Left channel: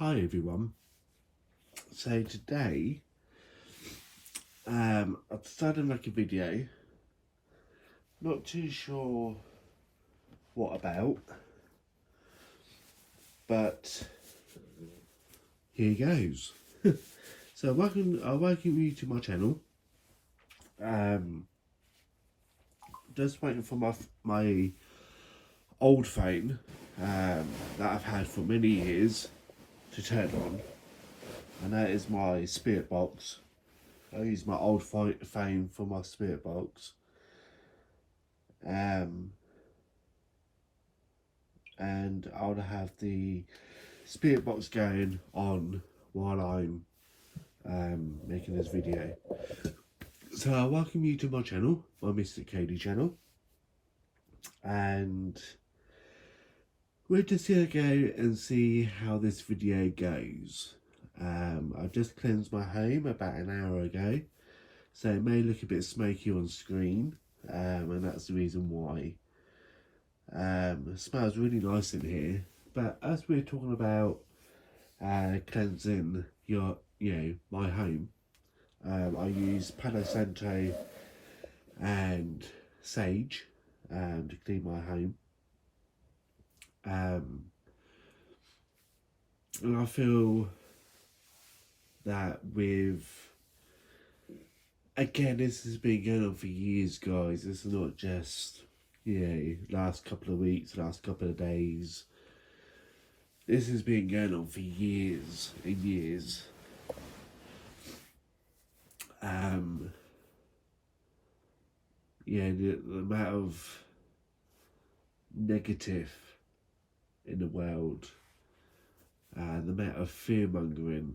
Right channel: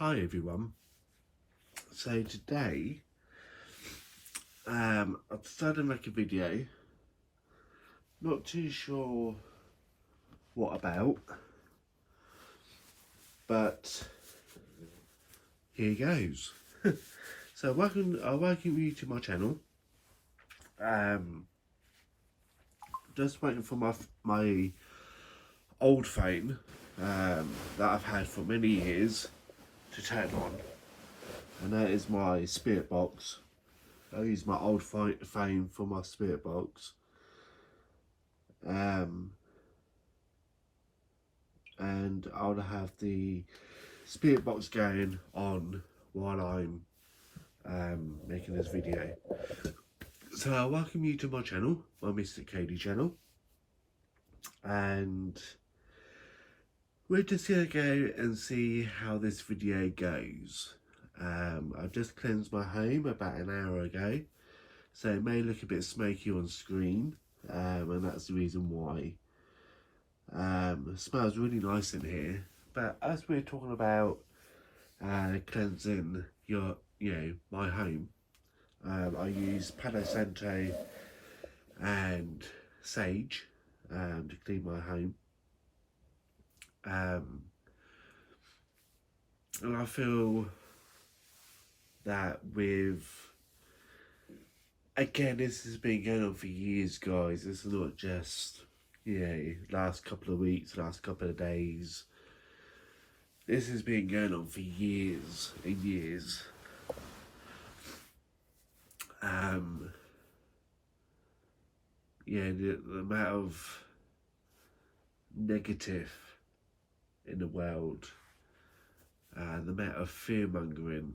Hi everyone. So today, I've decided to make a video. Not too sure what about, but here goes. So welcome you to my channel. Just waiting for my old phone that I've had for many years to turn on, and that is my spirit box. I use my old phone for my spirit box. And I'll have the spirit box going on while I'm making this video. So I welcome you to my channel, my mysticady channel, and we're just gonna go and see how this video goes. I've just cleansed my home about an hour ago, so it may look a bit smoky on screen, and that's the reason why. It smells really nice in here, but as we're talking about cleansing my home, I use Palo Santo and sage to clean my home, and I feel that again, this has been going on for years, guys. This is not just last couple of weeks, last couple of days. This has been going on for years and years. The amount of negative in the world, the amount of fear mongering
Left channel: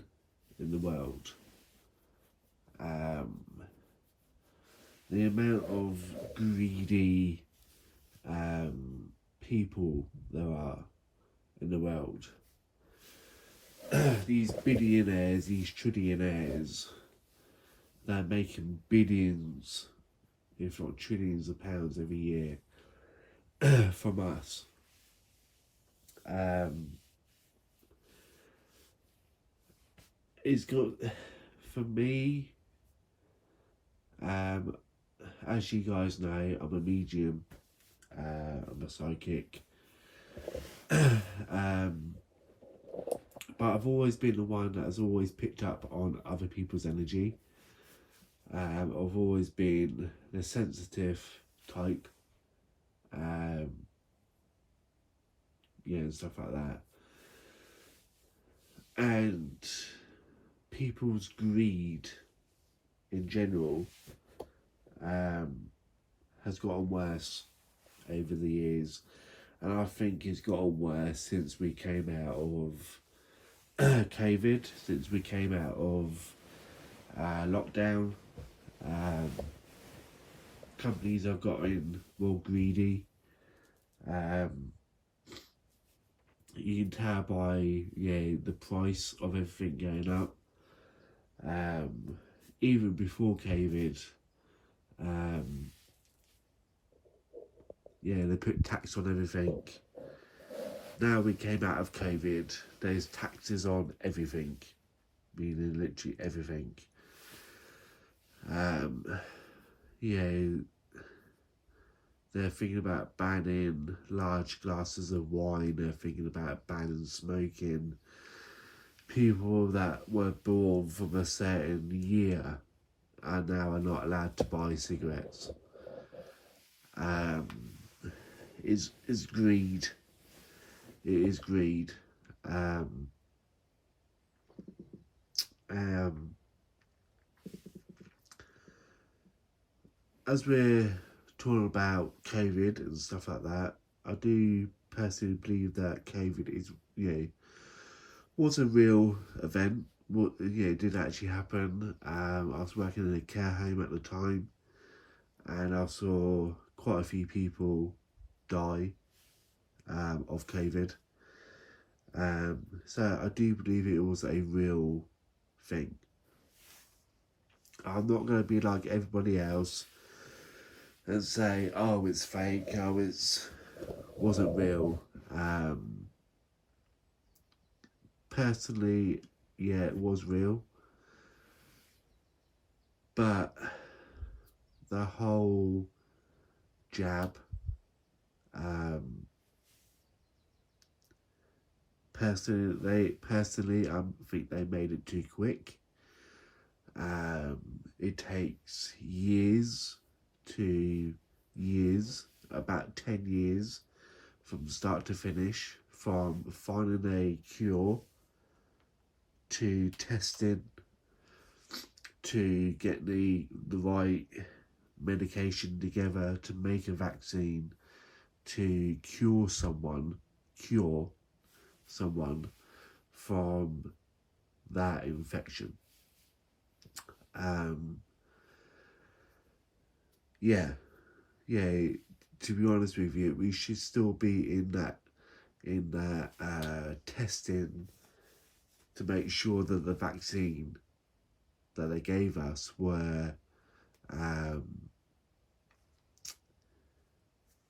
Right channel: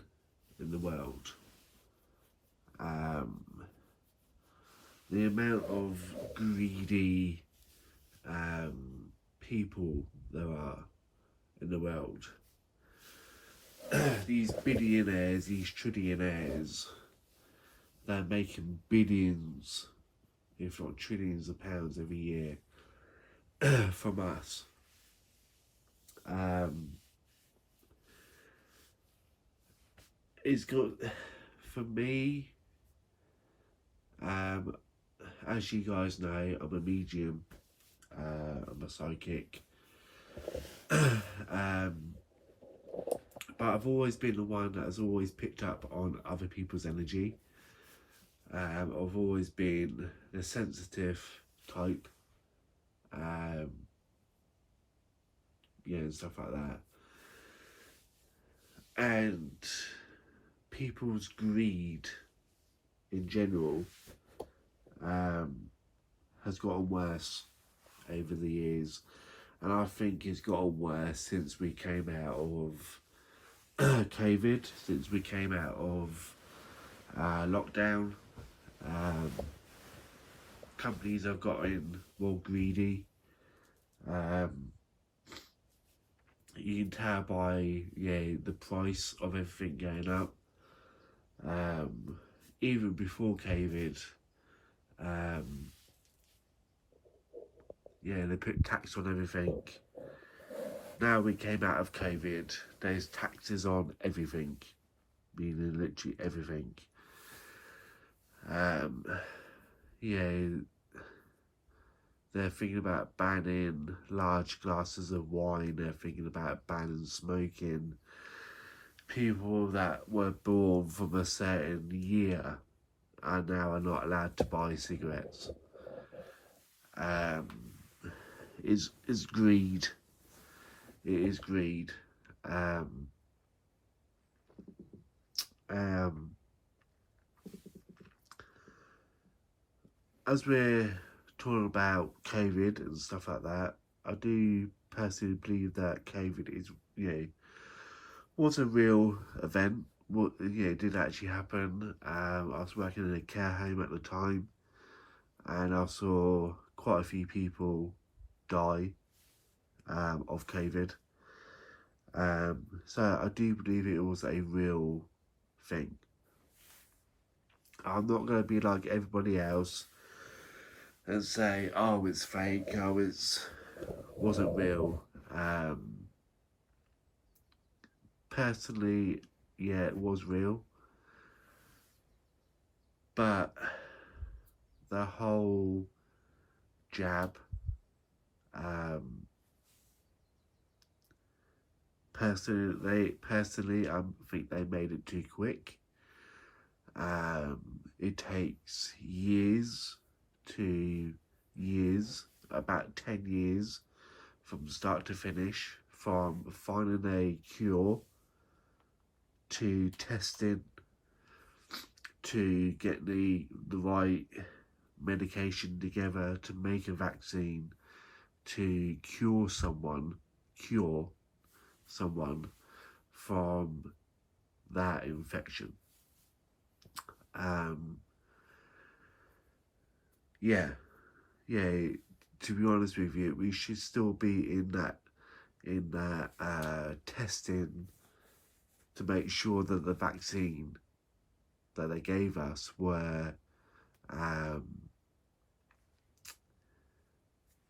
in the world, the amount of greedy people there are in the world. These billionaires, these trillionaires, they're making billions, if not trillions of pounds every year from us. It's got, for me, as you guys know, I'm a medium, I'm a psychic, but I've always been the one that has always picked up on other people's energy. I've always been the sensitive type, and stuff like that. And people's greed in general has gotten worse over the years, and I think it's gotten worse since we came out of COVID, since we came out of lockdown. Companies have gotten more greedy. You can tell by the price of everything going up. Even before COVID, they put tax on everything. Now we came out of COVID, there's taxes on everything, meaning literally everything. They're thinking about banning large glasses of wine, they're thinking about banning smoking. People that were born from a certain year are now not allowed to buy cigarettes. It's greed. It is greed. As we're talking about COVID and stuff like that, I do personally believe that COVID is, was a real event. What did actually happen. I was working in a care home at the time, and I saw quite a few people die of COVID. So I do believe it was a real thing. I'm not going to be like everybody else and say, oh, it's fake, oh, it wasn't real. personally, yeah, it was real. But the whole jab, um, personally, I think they made it too quick. It takes years, about 10 years from start to finish, from finding a cure to testing to get the right medication together to make a vaccine to cure someone from that infection. Um, yeah, yeah. To be honest with you, we should still be in that testing to make sure that the vaccine that they gave us were um,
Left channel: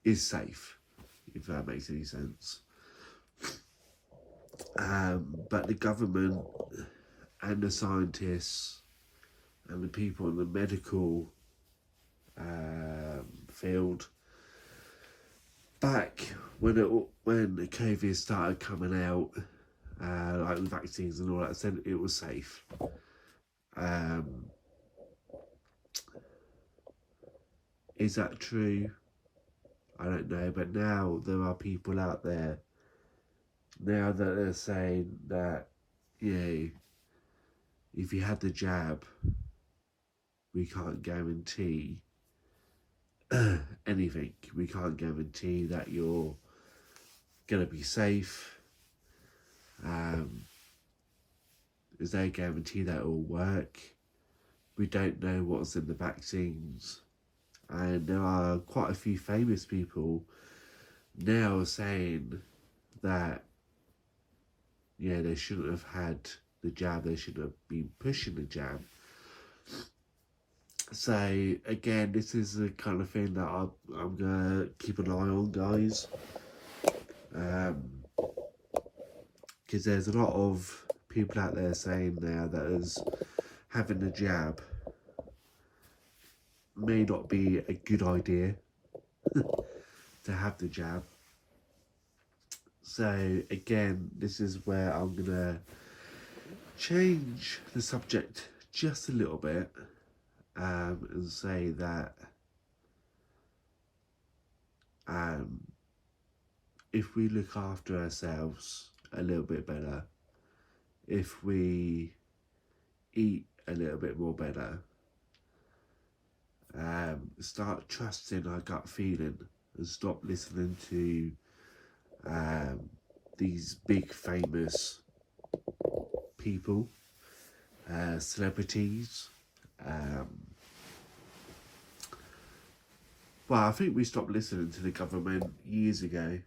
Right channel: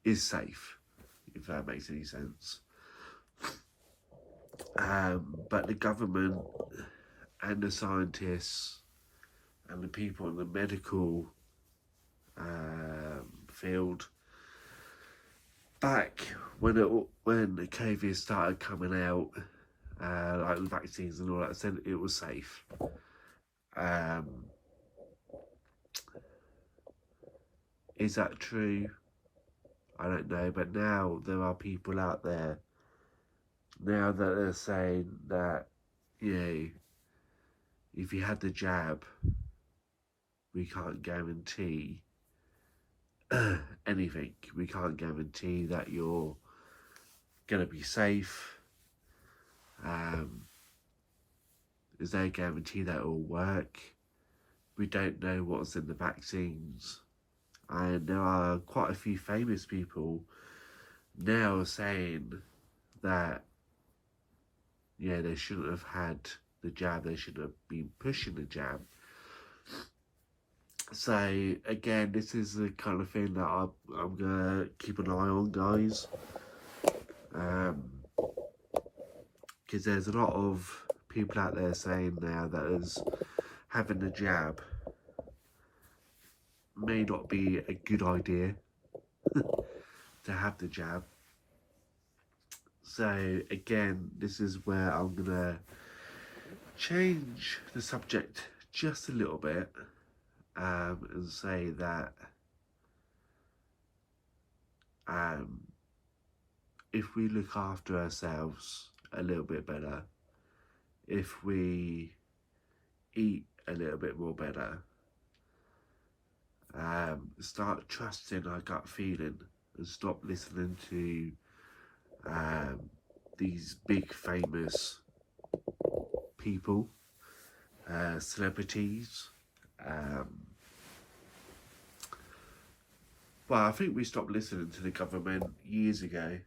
is safe, if that makes any sense. But the government and the scientists and the people in the medical field, back when the COVID started coming out, like the vaccines and all that, said it was safe. Is that true? I don't know, but now there are people out there now that are saying that, you know, if you had the jab, we can't guarantee anything. We can't guarantee that you're going to be safe. Is there a guarantee that it will work? We don't know what's in the vaccines. And there are quite a few famous people now saying that, yeah, they shouldn't have had the jab, they should have been pushing the jab. So, again, this is the kind of thing that I'm going to keep an eye on, guys. Because there's a lot of people out there saying now that as having the jab may not be a good idea to have the jab. So again, this is where I'm gonna change the subject just a little bit and say that if we look after ourselves a little bit better, if we eat a little bit more better, start trusting our gut feeling and stop listening to these big famous people, celebrities. Well, I think we stopped listening to the government years ago.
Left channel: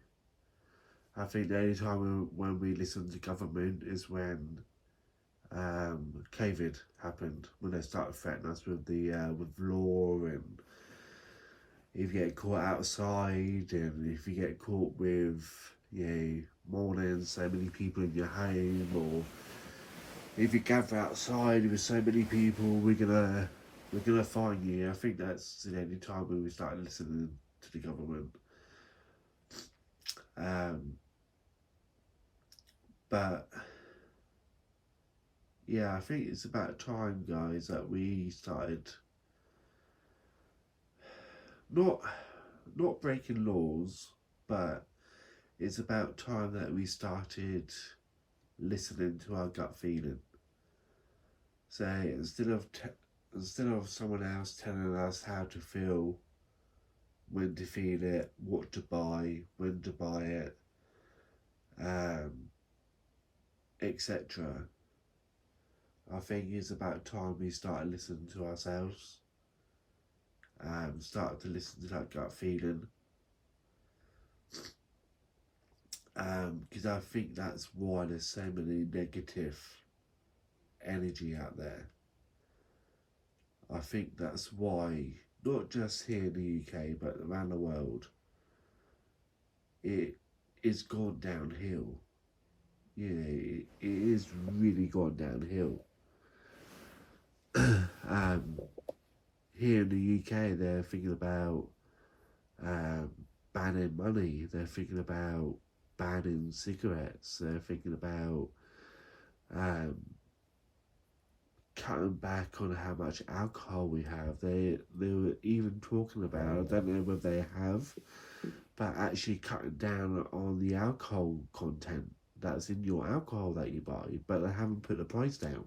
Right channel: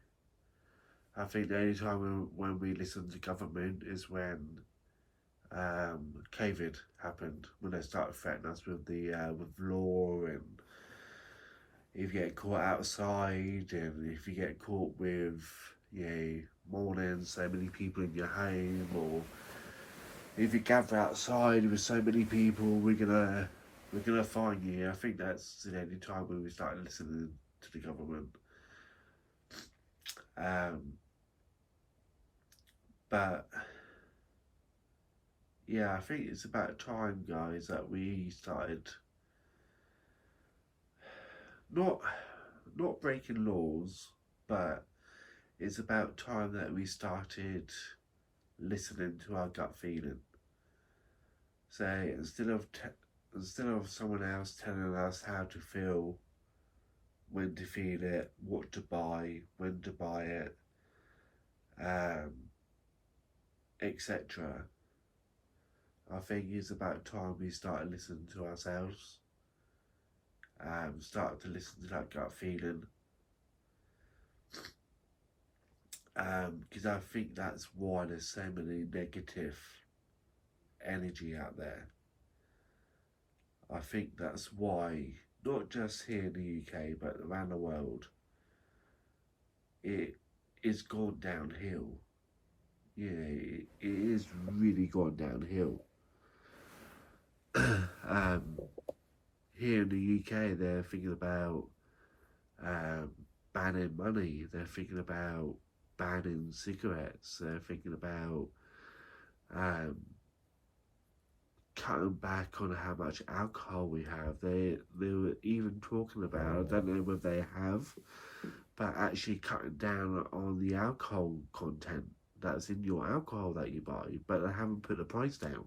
I think the only time when we listened to government is when COVID happened, when they started threatening us with law, and if you get caught outside, and if you get caught with, you know, more than so many people in your home, or if you gather outside with so many people, we're gonna fine you. I think that's the only time when we started listening to the government. But yeah, I think it's about time, guys, that we started not breaking laws, but it's about time that we started listening to our gut feeling. So instead of someone else telling us how to feel, when to feel it, what to buy, when to buy it, etc. I think it's about time we started listening to ourselves, started to listen to that gut feeling, because I think that's why there's so many negative energy out there. I think that's why, not just here in the UK, but around the world, it is gone downhill. it is really gone downhill. um, Here in the UK, they're thinking about um, banning money. They're thinking about banning cigarettes. They're thinking about um, cutting back on how much alcohol we have. They were even talking about, I don't know whether they have, but actually cutting down on the alcohol content that's in your alcohol that you buy, but they haven't put the price down.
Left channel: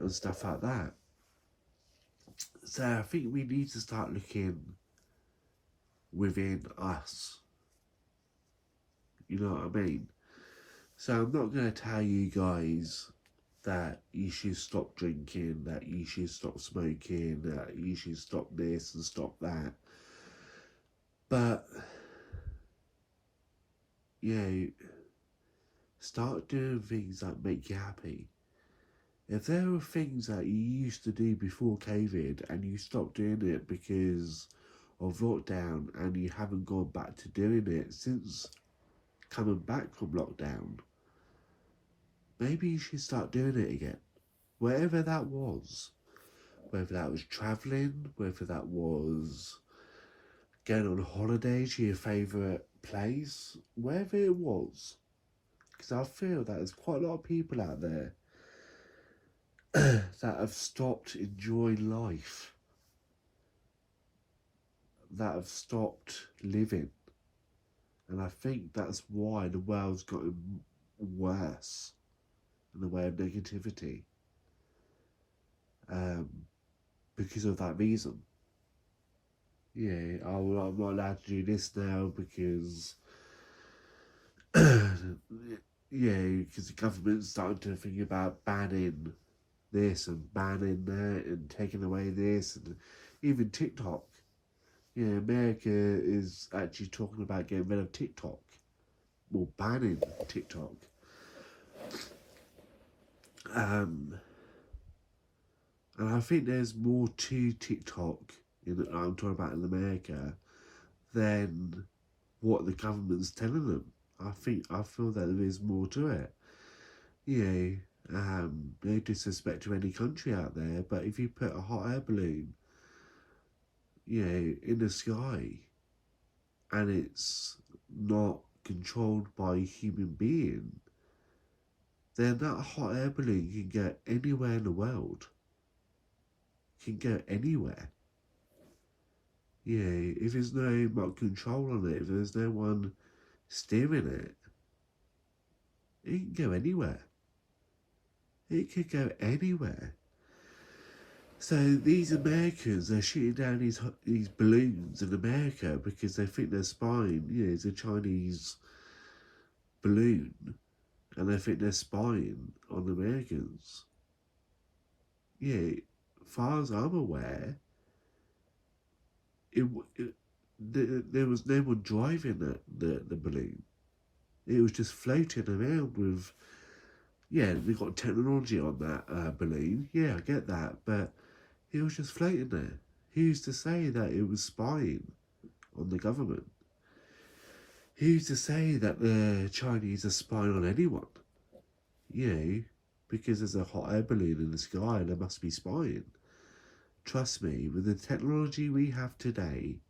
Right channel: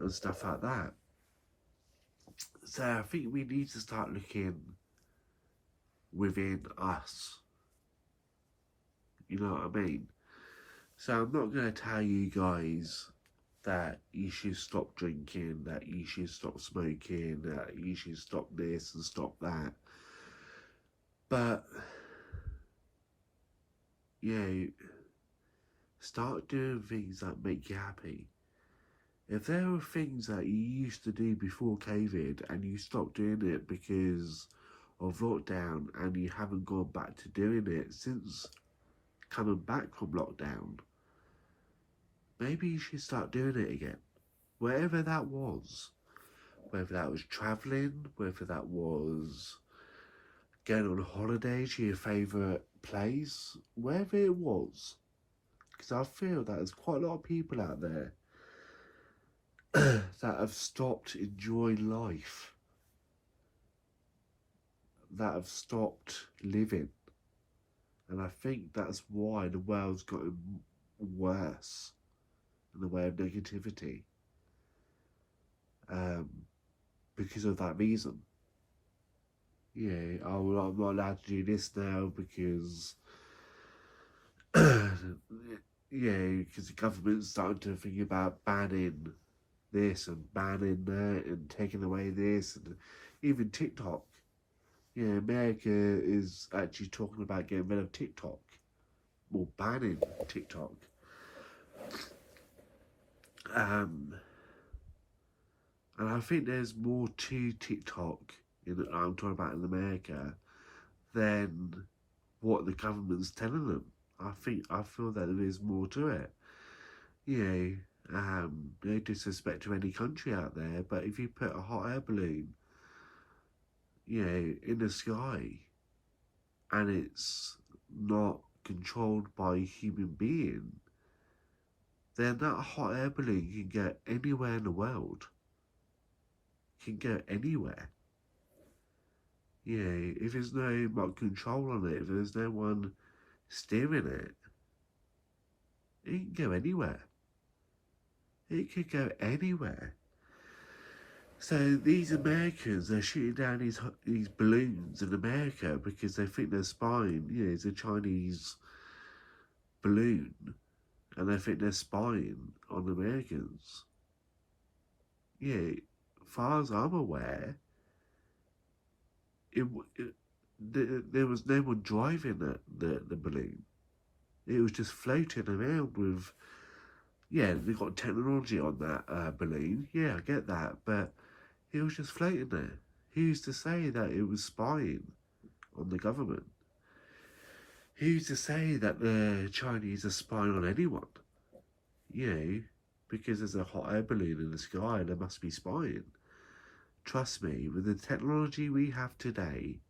And stuff like that. So I think we need to start looking within us. You know what I mean? So I'm not going to tell you guys that you should stop drinking, that you should stop smoking, that you should stop this and stop that. But, start doing things that make you happy. If there are things that you used to do before COVID and you stopped doing it because of lockdown and you haven't gone back to doing it since coming back from lockdown, maybe you should start doing it again. Wherever that was. Whether that was travelling, whether that was going on holiday to your favourite place, wherever it was. Because I feel that there's quite a lot of people out there that have stopped enjoying life, that have stopped living. And I think that's why the world's gotten worse in the way of negativity. Because of that reason. I'm not allowed to do this now because because the government's starting to think about banning this and banning that and taking away this, and even TikTok. America is actually talking about getting rid of TikTok, or banning TikTok. And I think there's more to TikTok I'm talking about in America than what the government's telling them. I feel that there is more to it. No disrespect to any country out there, but if you put a hot air balloon, in the sky, and it's not controlled by a human being, then that hot air balloon can go anywhere in the world. Can go anywhere. If there's no control on it, if there's no one steering it, it can go anywhere. It could go anywhere. So these Americans are shooting down these balloons in America because they think they're spying. It's a Chinese balloon, and they think they're spying on Americans. As far as I'm aware, there was no one driving the balloon. It was just floating around with. They got technology on that balloon. I get that, but it was just floating there. Who's to say that it was spying on the government? Who's to say that the Chinese are spying on anyone? Because there's a hot air balloon in the sky, they must be spying. Trust me, with the technology we have today,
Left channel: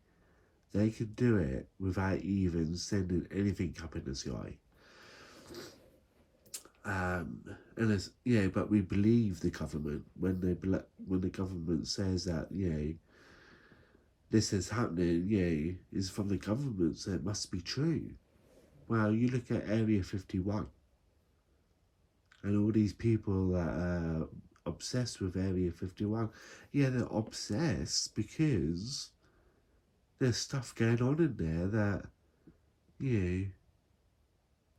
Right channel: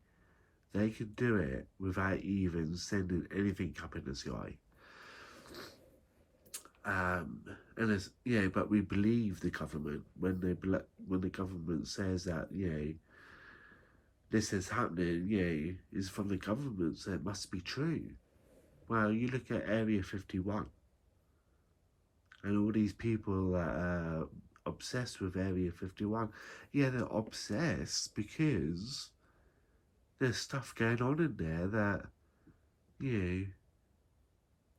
they can do it without even sending anything up in the sky. But we believe the government when the government says that this is happening. Is from the government, so it must be true. Well, you look at Area 51, and all these people that are obsessed with Area 51. They're obsessed because there's stuff going on in there that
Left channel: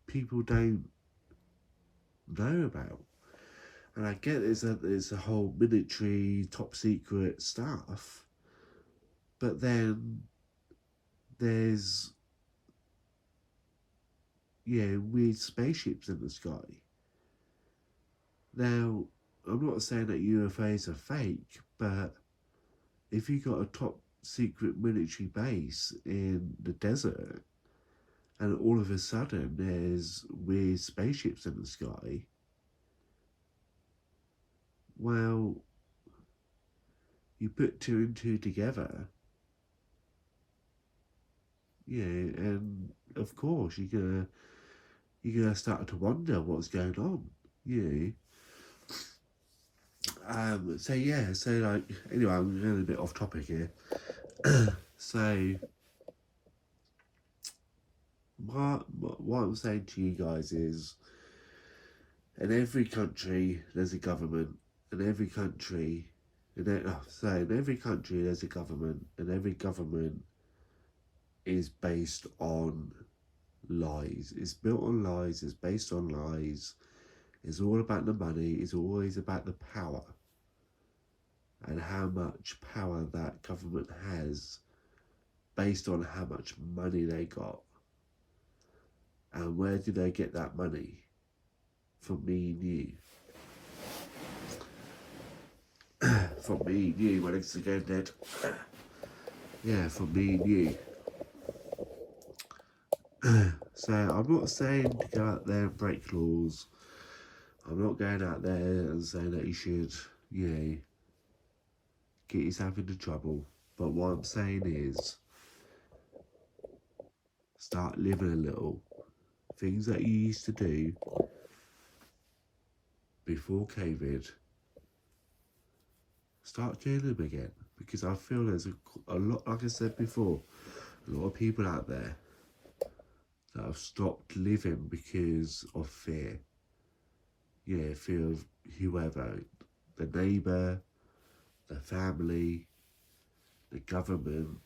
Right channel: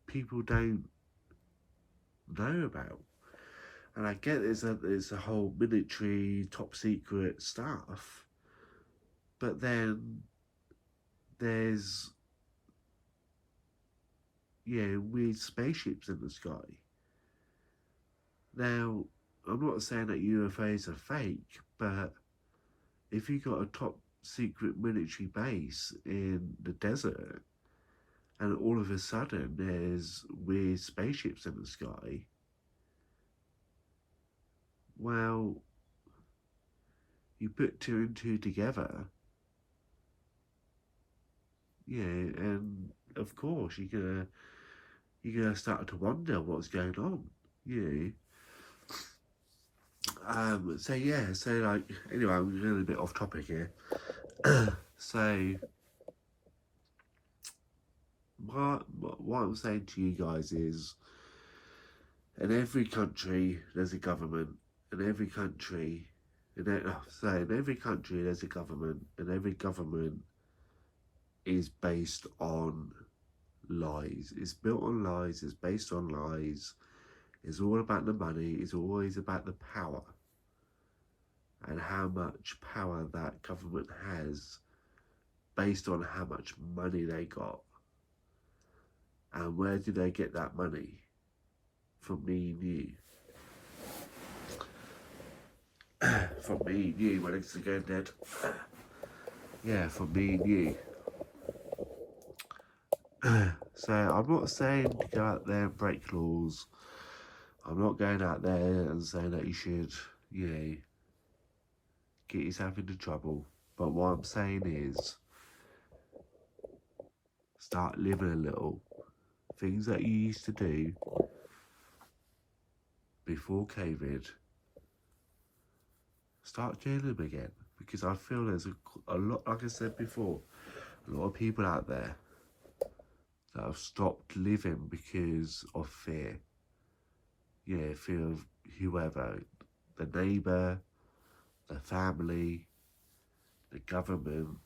people don't know about. And I get there's a whole military top secret stuff, but then there's weird spaceships in the sky. Now, I'm not saying that UFOs are fake, but if you got a top secret military base in the desert and all of a sudden there's weird spaceships in the sky, well, you put two and two together, yeah, and of course you're gonna start to wonder what's going on, you know. So yeah, so like anyway, I'm getting a bit off topic here. So what I'm saying to you guys is, in every country there's a government, in every country, in every country there's a government, and every government is based on lies. It's built on lies. It's based on lies. It's all about the money. It's always about the power and how much power that government has based on how much money they got. And where do they get that money? From me and you. From me and you. My legs are going dead. Yeah, from me and you. So I'm not saying to go out there and break laws. I'm not going out there and saying that you should, you know, get yourself into trouble. But what I'm saying is, start living a little. Things that you used to do before COVID, start doing them again. Because I feel there's a lot, like I said before, a lot of people out there that have stopped living because of fear. Yeah, fear of whoever, the neighbour, the family, the government,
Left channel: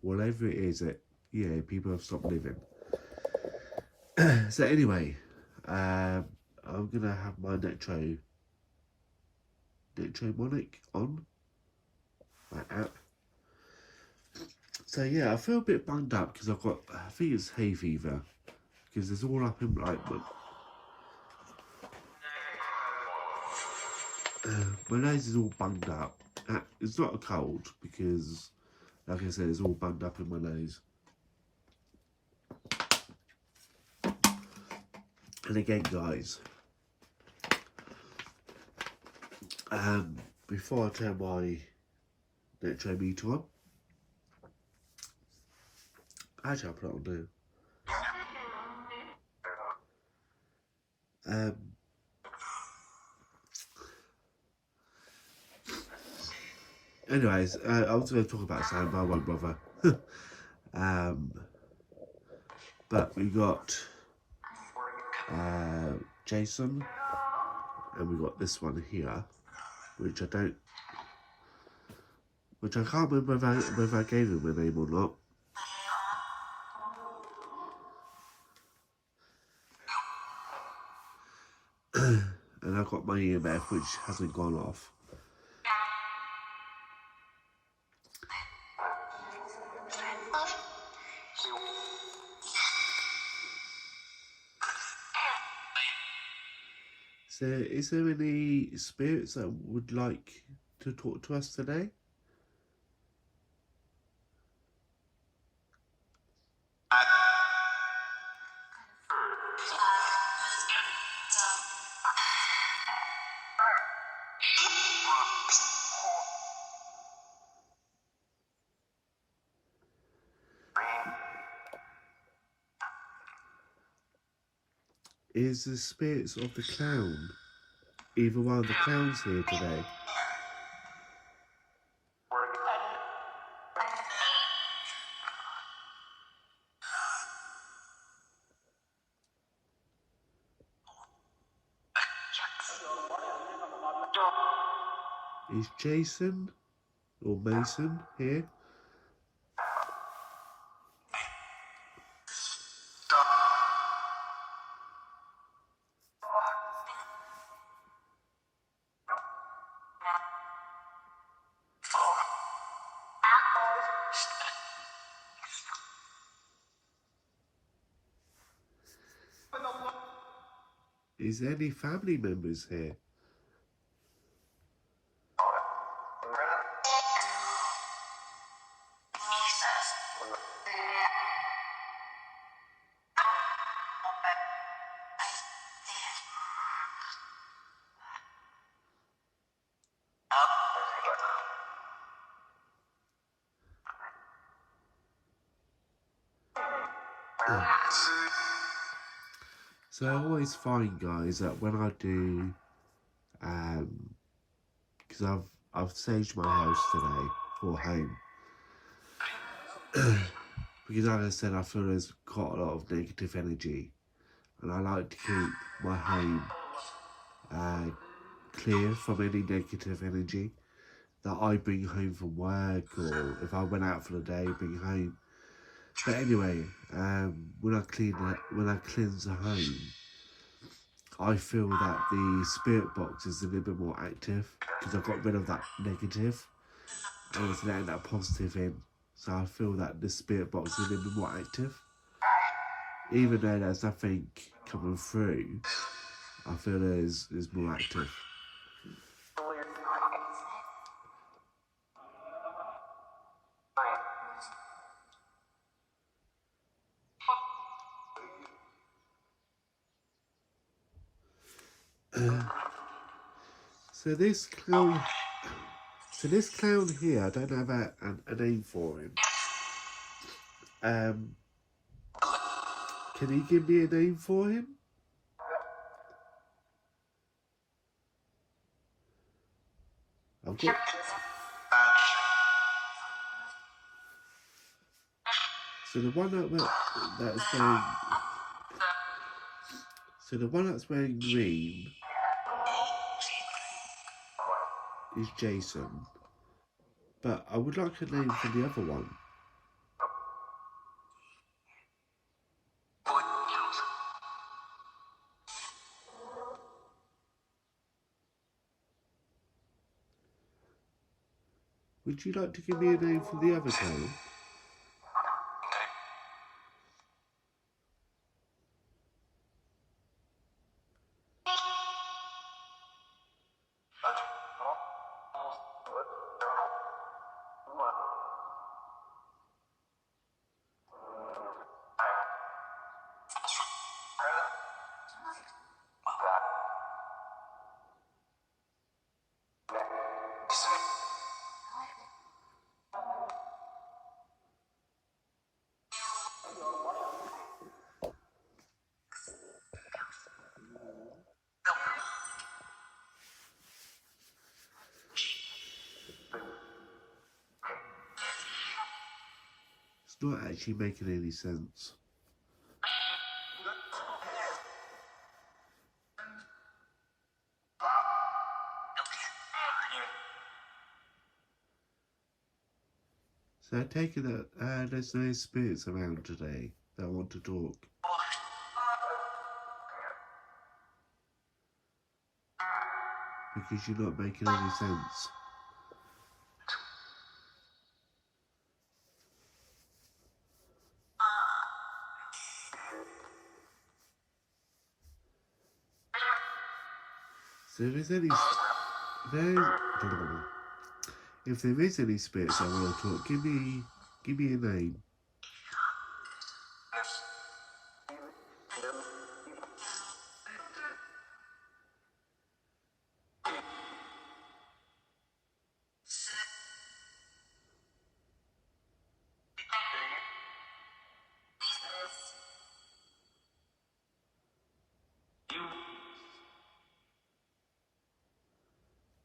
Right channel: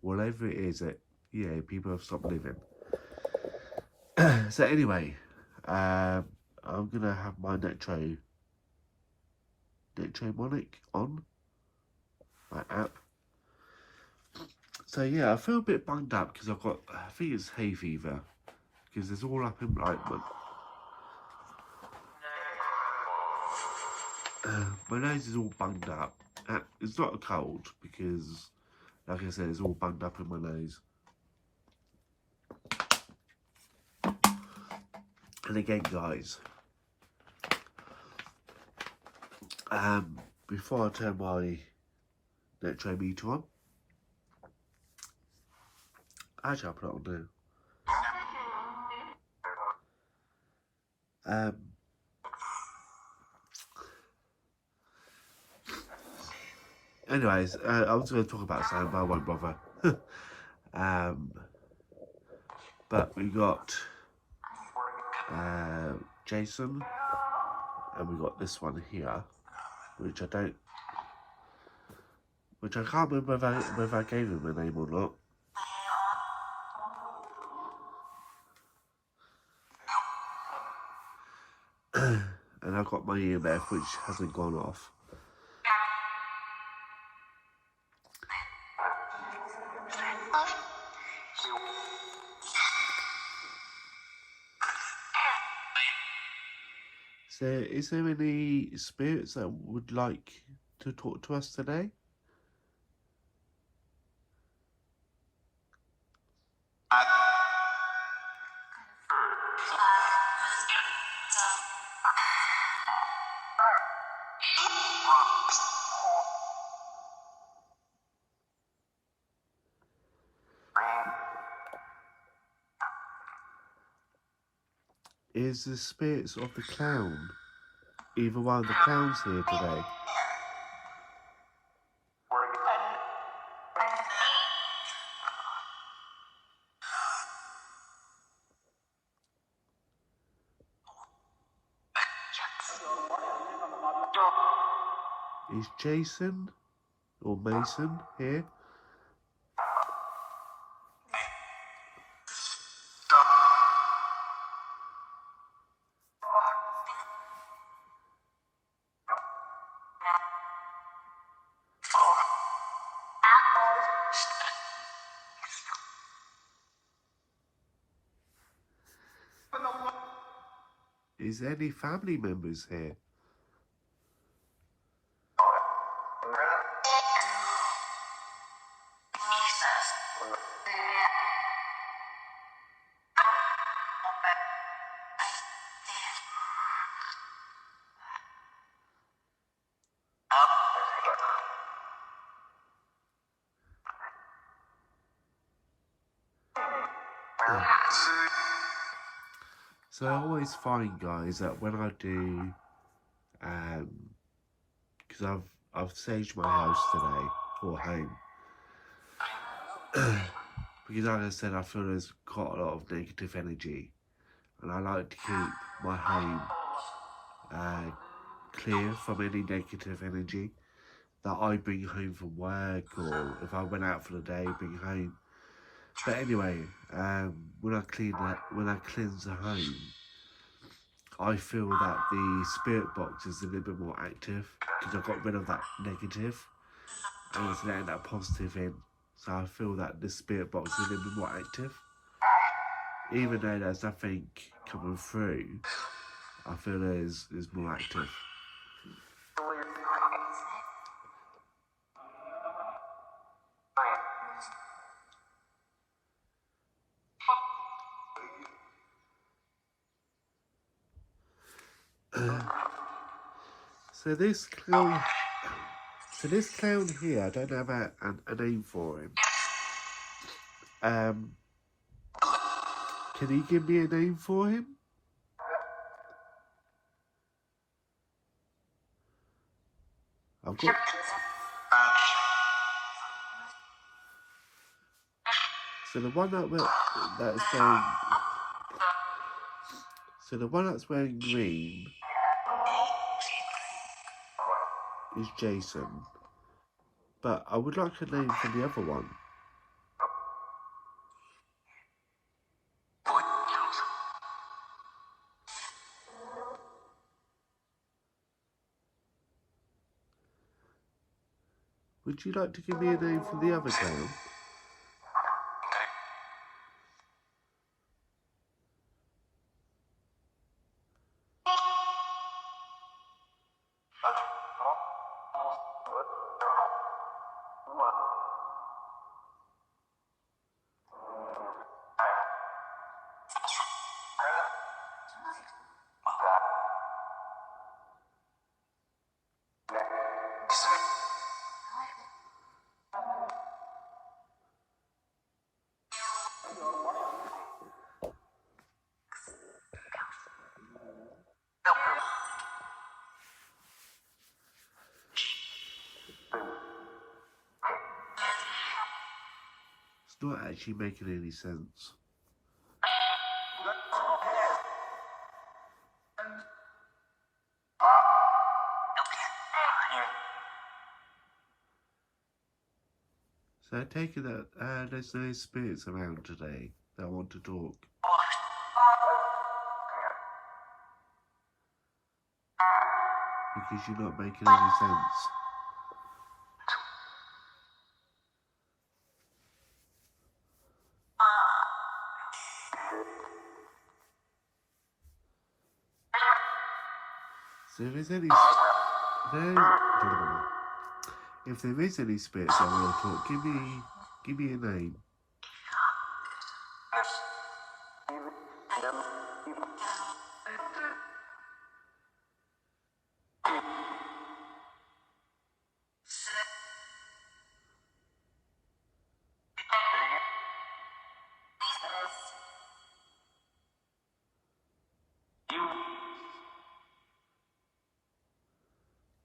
whatever it is that, yeah, people have stopped living. So anyway, I'm gonna have my Netromonic on my app. So yeah, I feel a bit bunged up because I think it's hay fever, because it's all up in like my nose is all bunged up. It's not a cold because, like I said, it's all bunged up in my nose. And again, guys, before I turn my Netro meter on, actually I'll put it on now. Anyways, I was going to talk about something, but I won't bother. But we got Jason, and we got this one here, which I can't remember whether I gave him a name or not. And I got my EMF, which hasn't gone off. So, is there any spirits that would like to talk to us today? Is the spirits of the clown, either one of the clowns here today? Is Jason or Mason here? Is there any family members here? So I always find, guys, that when I do, because I've saged my house today, or home, because like I said, I feel there's quite a lot of negative energy, and I like to keep my home clear from any negative energy that I bring home from work, or if I went out for the day, bring home. But anyway, when I cleanse the home, I feel that the spirit box is a little bit more active because I got rid of that negative and it's letting that positive in. So I feel that the spirit box is a little bit more active. Even though there's nothing coming through, I feel there's more active. So this clown here, I don't have a name for him. Can you give me a name for him? I've got. So the one that's wearing green is Jason, but I would like a name for the other one. Would you like to give me a name for the other clown? It's not actually making any sense. So I take it that there's no spirits around today that want to talk. Because you're not making any sense. So if there is any spirits that want to talk, give me a name.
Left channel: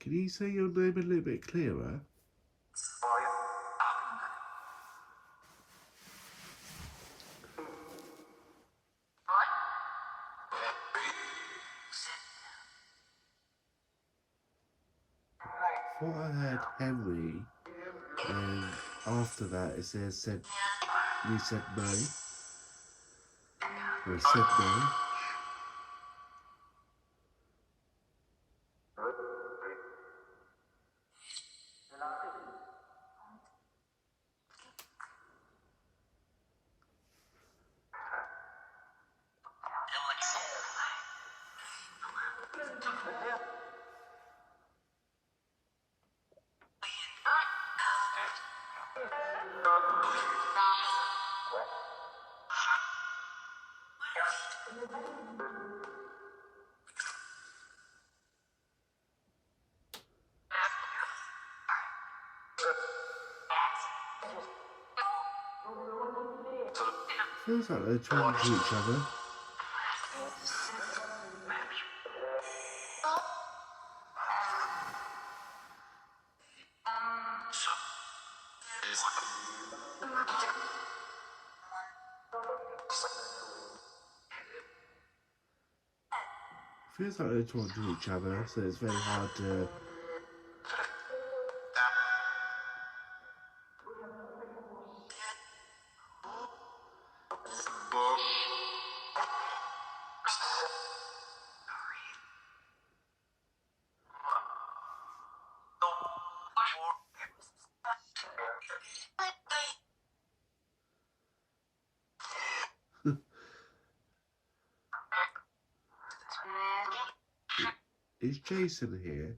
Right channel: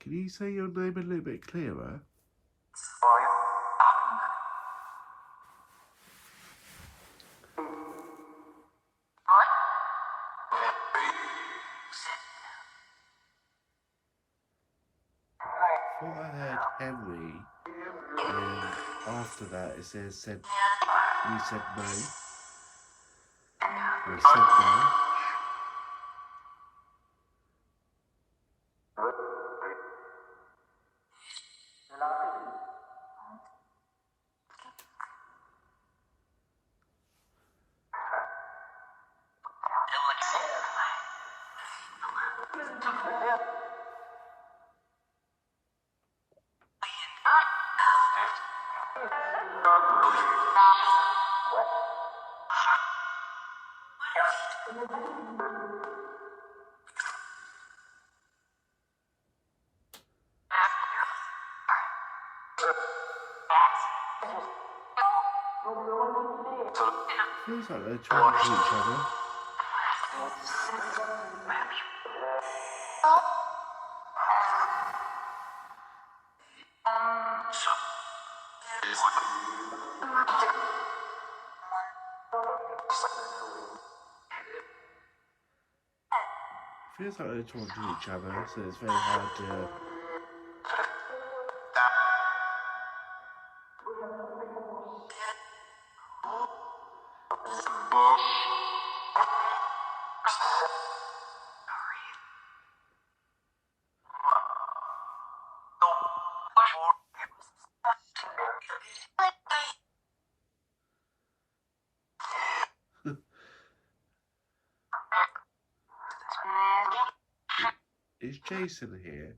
Can you say your name a little bit clearer? I thought I heard Henry, and after that it said we said no. We said no. Feels like they're talking to each other. Feels like they're talking to each other, so it's very hard to. Is Jason here?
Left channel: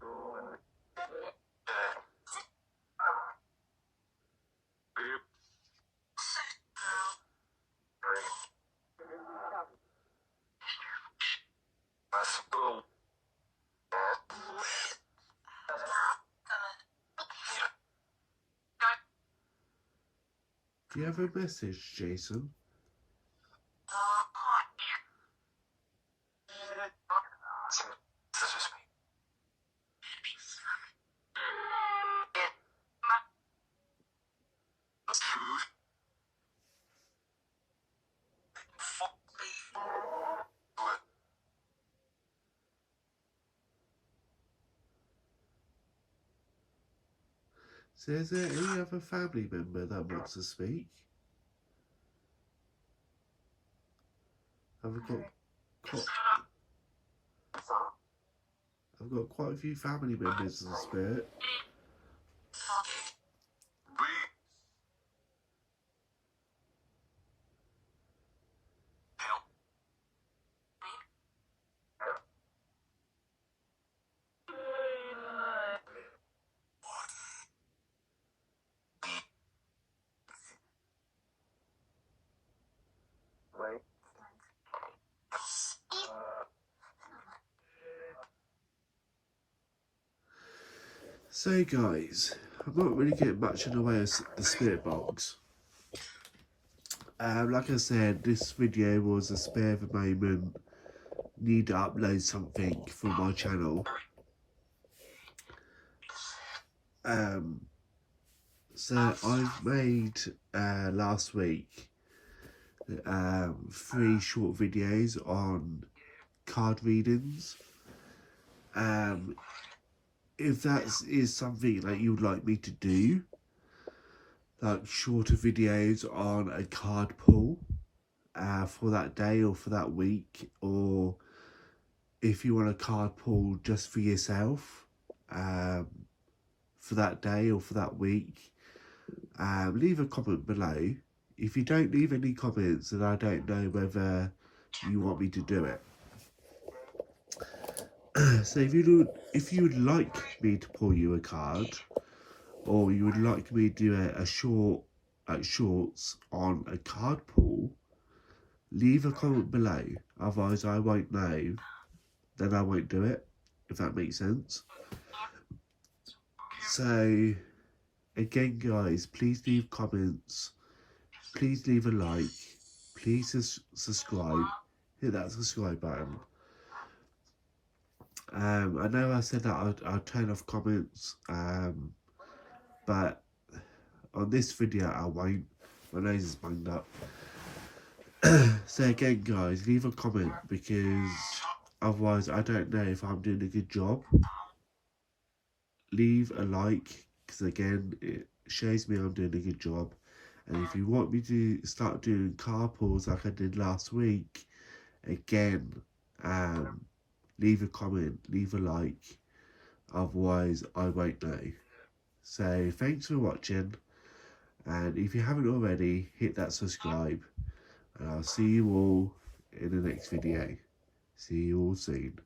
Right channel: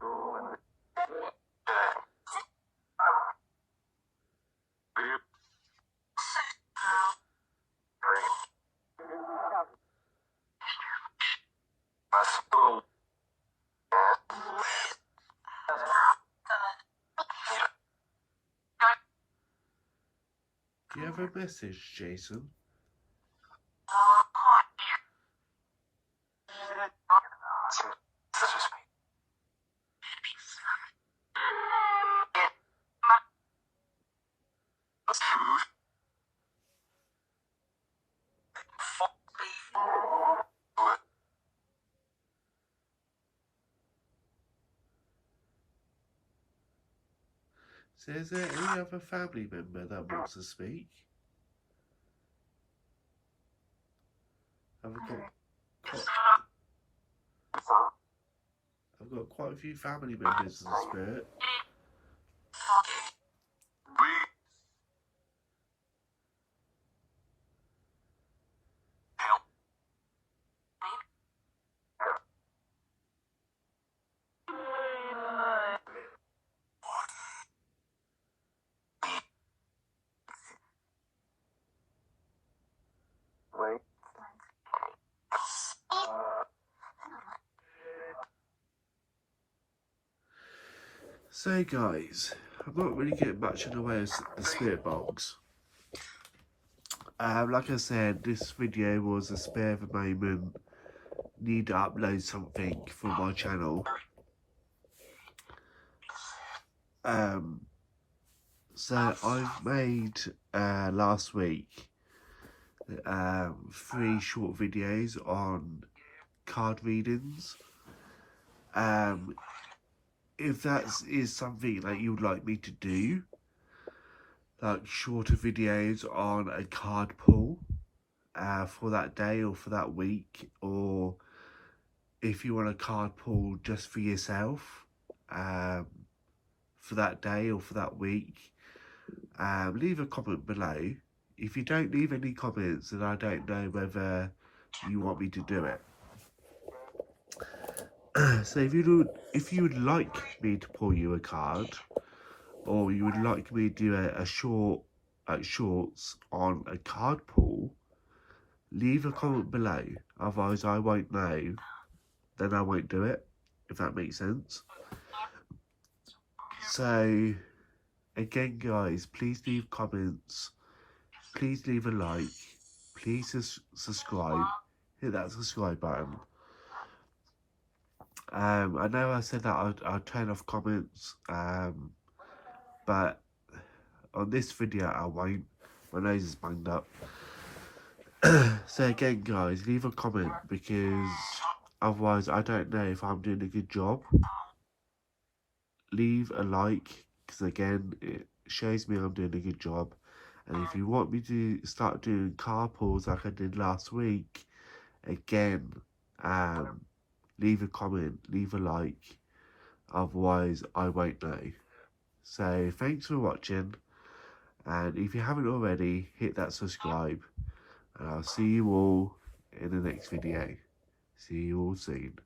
Do you have a message, Jason? So is there any other family member that wants to speak? I've got quite a few family members in the spirit. So guys, I'm not really getting much in the way of the spirit box. Like I said, this video was a spare of a moment. Need to upload something for my channel. So I've made last week 3 short videos on card readings. If that is something that you would like me to do, like shorter videos on a card pull for that day or for that week, or if you want a card pull just for yourself for that day or for that week, leave a comment below. If you don't leave any comments, then I don't know whether you want me to do it. So if you would like me to pull you a card, or you would like me to do a shorts on a card pull, leave a comment below. Otherwise I won't know, then I won't do it, if that makes sense. So again guys, please leave comments, please leave a like, please subscribe, hit that subscribe button. I know I said that I'll turn off comments, but on this video I won't. My nose is banged up. So again guys, leave a comment, because otherwise I don't know if I'm doing a good job. Leave a like, because again it shows me I'm doing a good job. And if you want me to start doing card pulls like I did last week, again, leave a comment, leave a like, otherwise I won't know. So thanks for watching, and if you haven't already, hit that subscribe, and I'll see you all in the next video. See you all soon.